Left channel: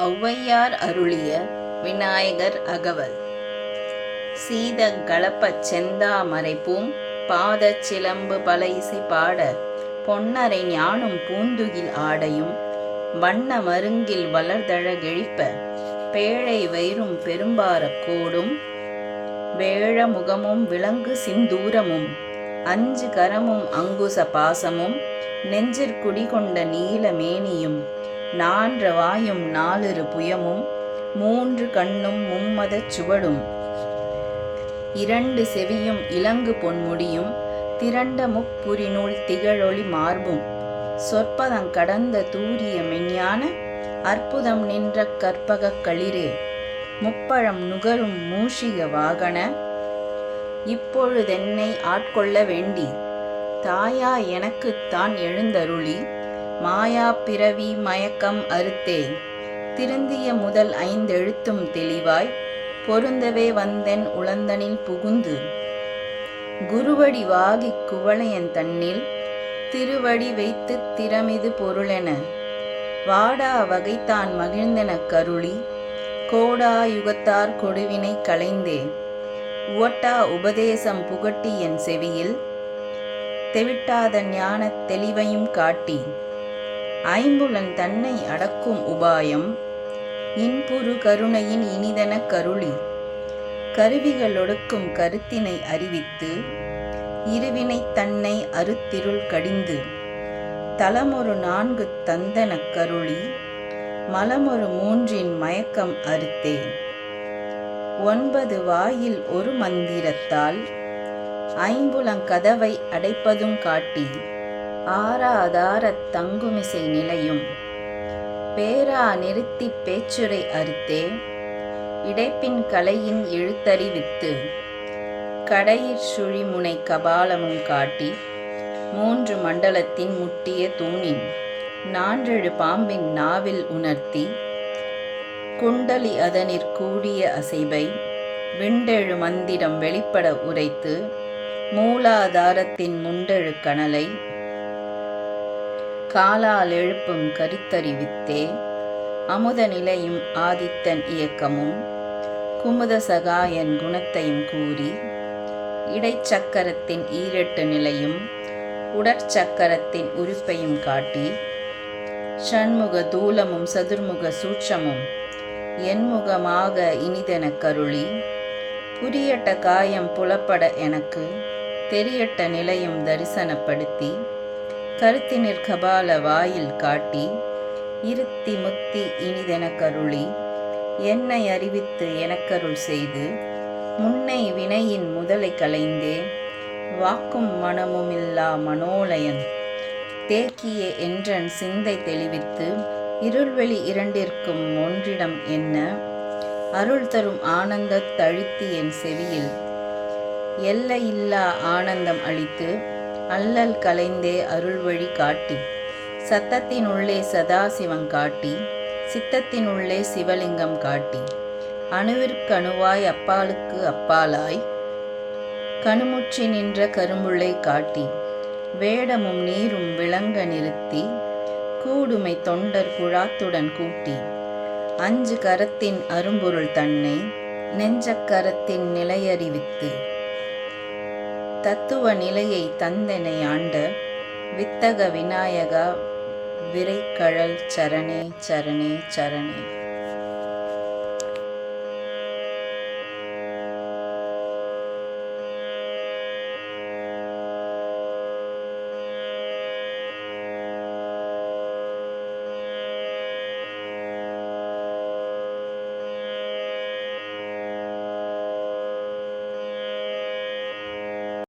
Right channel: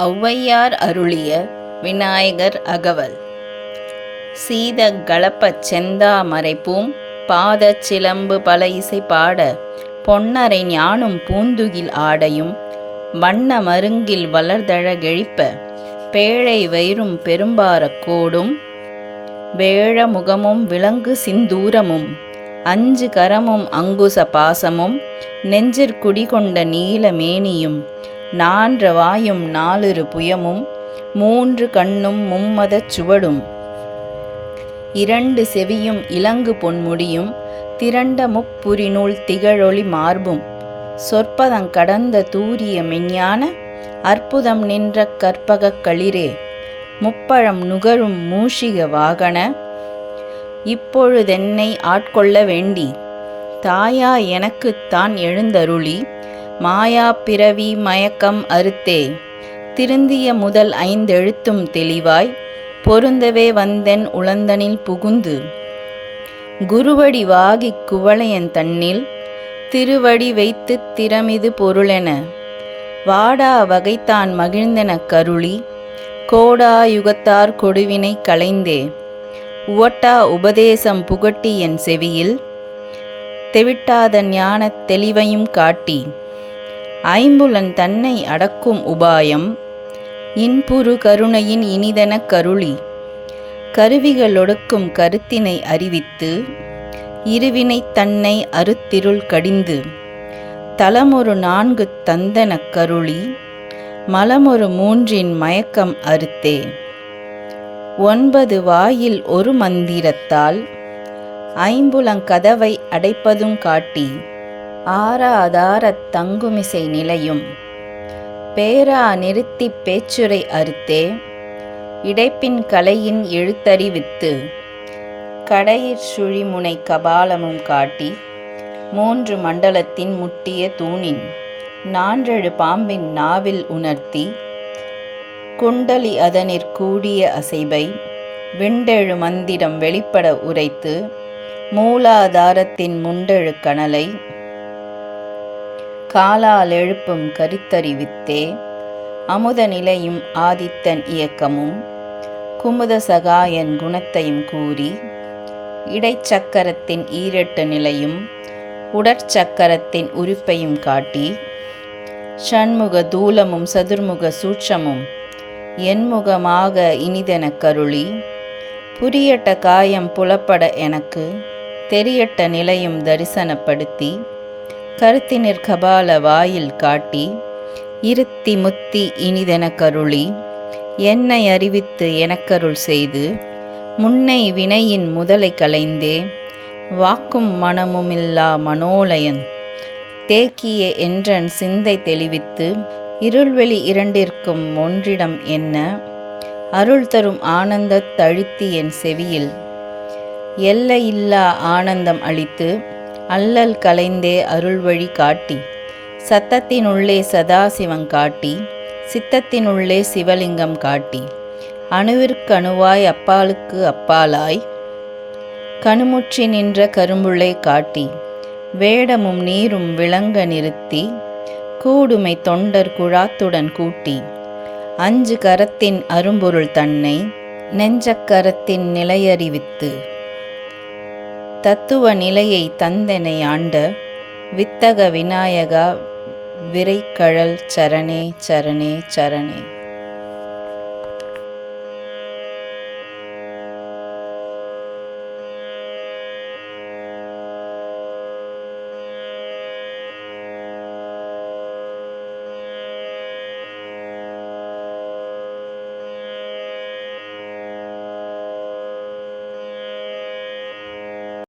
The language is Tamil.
ஔவையார் அருளிய விநாயகர் அகவல். சீத கலப்பச் செந்தாமரைப்பூம் பாதச் சிலம்பு பல இசை பாட பொன்னரை ஞானும் பூந்துகில் ஆடையும் வண்ண மருங்கில் வளர்தழகெழிப்ப பேழை வயிறும் பெரும்பாரக் கோடும் வேழ முகமும் விலங்கு சிந்தூரமும் அஞ்சு கரமும் அங்குச பாசமும் நெஞ்சிற்குடிகொண்ட நீல மேனியும் நான்ற வாயும் நாலிரு புயமும் மூன்று கண்ணும் மும்மதச் சுவடும் இரண்டு செவியும் இலங்கு பொன்முடியும் திரண்ட முப்புரிநூல் திகழொளி மார்பும் சொற்பதங் கடந்த தூரிய மெஞ்ஞான அற்புதம் நின்ற கற்பகக் களிரே முப்பழம் நுகரும் மூஷிக வாகன இப்பொழுதென்னை ஆட்கொள்ள வேண்டி தாயா எனக்குத் தான் எழுந்தருளி மாயா பிறவி மயக்கம் அறுத்தே திருந்திய முதல் ஐந்தெழுத்தும் தெளிவாய் பொருந்தவே வந்தென் உளந்தனில் புகுந்து குருவடி வாகிக் குவளையன் தன்னில் திருவடி வைத்துத் திறமிது பொருளென வாடா வகைத்தான் மகிழ்ந்தெனக் கருளி கோடா யுகத்தார் கொடுவினை களைந்தே உவட்டா உபதேசம் புகட்டி என் செவியில் தெவிட்டாத ஞானத் தெளிவையும் காட்டி ஐம்புலன் தன்னை அடக்கும் உபாயம் இன்புறு கருணையின் இனிதெனக் கருளி கருவிகளொடுக்கும் கருத்தினை அறிவித்து இருவினைத் தன்னை அறுத்திருள் கடிந்து தலமொரு நான்கு தந்தெனக் கருளி மலமொரு மூன்றின் மயக்கம் அறுத்தே 9 வாயில் ஒரு மந்திரத்தால் ஐம்புலங் கதவை அடைப்பதும் காட்டி ஆறாதாரத் தங்குமிசை நிலையும் பேரா நிறுத்திப் பேச்சுரை அறுத்தே இடைப்பின் கலையின் எழுத்தறிவித்து கடையிற் சுழிமுனை கபாலமும் காட்டி 3 மண்டலத்தின் முட்டிய தூணின் 4 பாம்பின் நாவில் உணர்த்தி குண்டலி அதனிற் கூடிய அசைவை விண்டெழு மந்திரம் வெளிப்பட உரைத்து மூலாதாரத்தின் முண்டெழு கனலை காலால் எழுப்பும் கருத்தறிவித்தே அமுத நிலையும் ஆதித்தன் இயக்கமும் குமுத சகாயன் குணத்தையும் கூறி இடைச்சக்கரத்தின் ஈரெட்டு நிலையும் உடற்சக்கரத்தின் உறுப்பையும் காட்டி ஷண்முக தூலமும் சதுர்முக சூட்சமும் என்முகமாக இனிதெனக் கருளி புரியட்ட காயம் புலப்பட எனக்கு தெரியட்ட நிலையும் தரிசனப்படுத்தி கருத்தினிற் கபால வாயில் காட்டி இருத்தி முத்தி இனிதெனக் கருளி என்னை அறிவித்து எனக்கருள் செய்து முன்னை வினையின் முதலை களைந்தே வாக்கும் மனமுமில்லா மனோலயன் தேக்கிய என்றன் சிந்தை தெளிவித்து இருள்வெளி இரண்டிற்கும் ஒன்றிடம் என்ன அருள் தரும் ஆனந்தத் தழுத்தி என் செவியில் எல்லையில்லா ஆனந்தம் அளித்து அல்லல் கலைந்தே அருள்வழி காட்டி சத்தத்தினுள்ளே சதாசிவம் காட்டி சித்தத்தினுள்ளே சிவலிங்கம் காட்டி அணுவிற்கணுவாய் அப்பாலுக்கு அப்பாலாய் கணுமுற்றி நின்ற கரும்புள்ளை காட்டி வேடமும் நீரும் விளங்க நிறுத்தி கூடுமை தொண்டர் குழாத்துடன் கூட்டி 5 கரத்தின் அரும்பொருள் தன்னை நெஞ்சக்கரத்தின் நிலையறிவித்து தத்துவ நிலையை தந்தெனை ஆண்ட வித்தக விநாயகா விரைக்கழல் சரணே சரணே சரணே.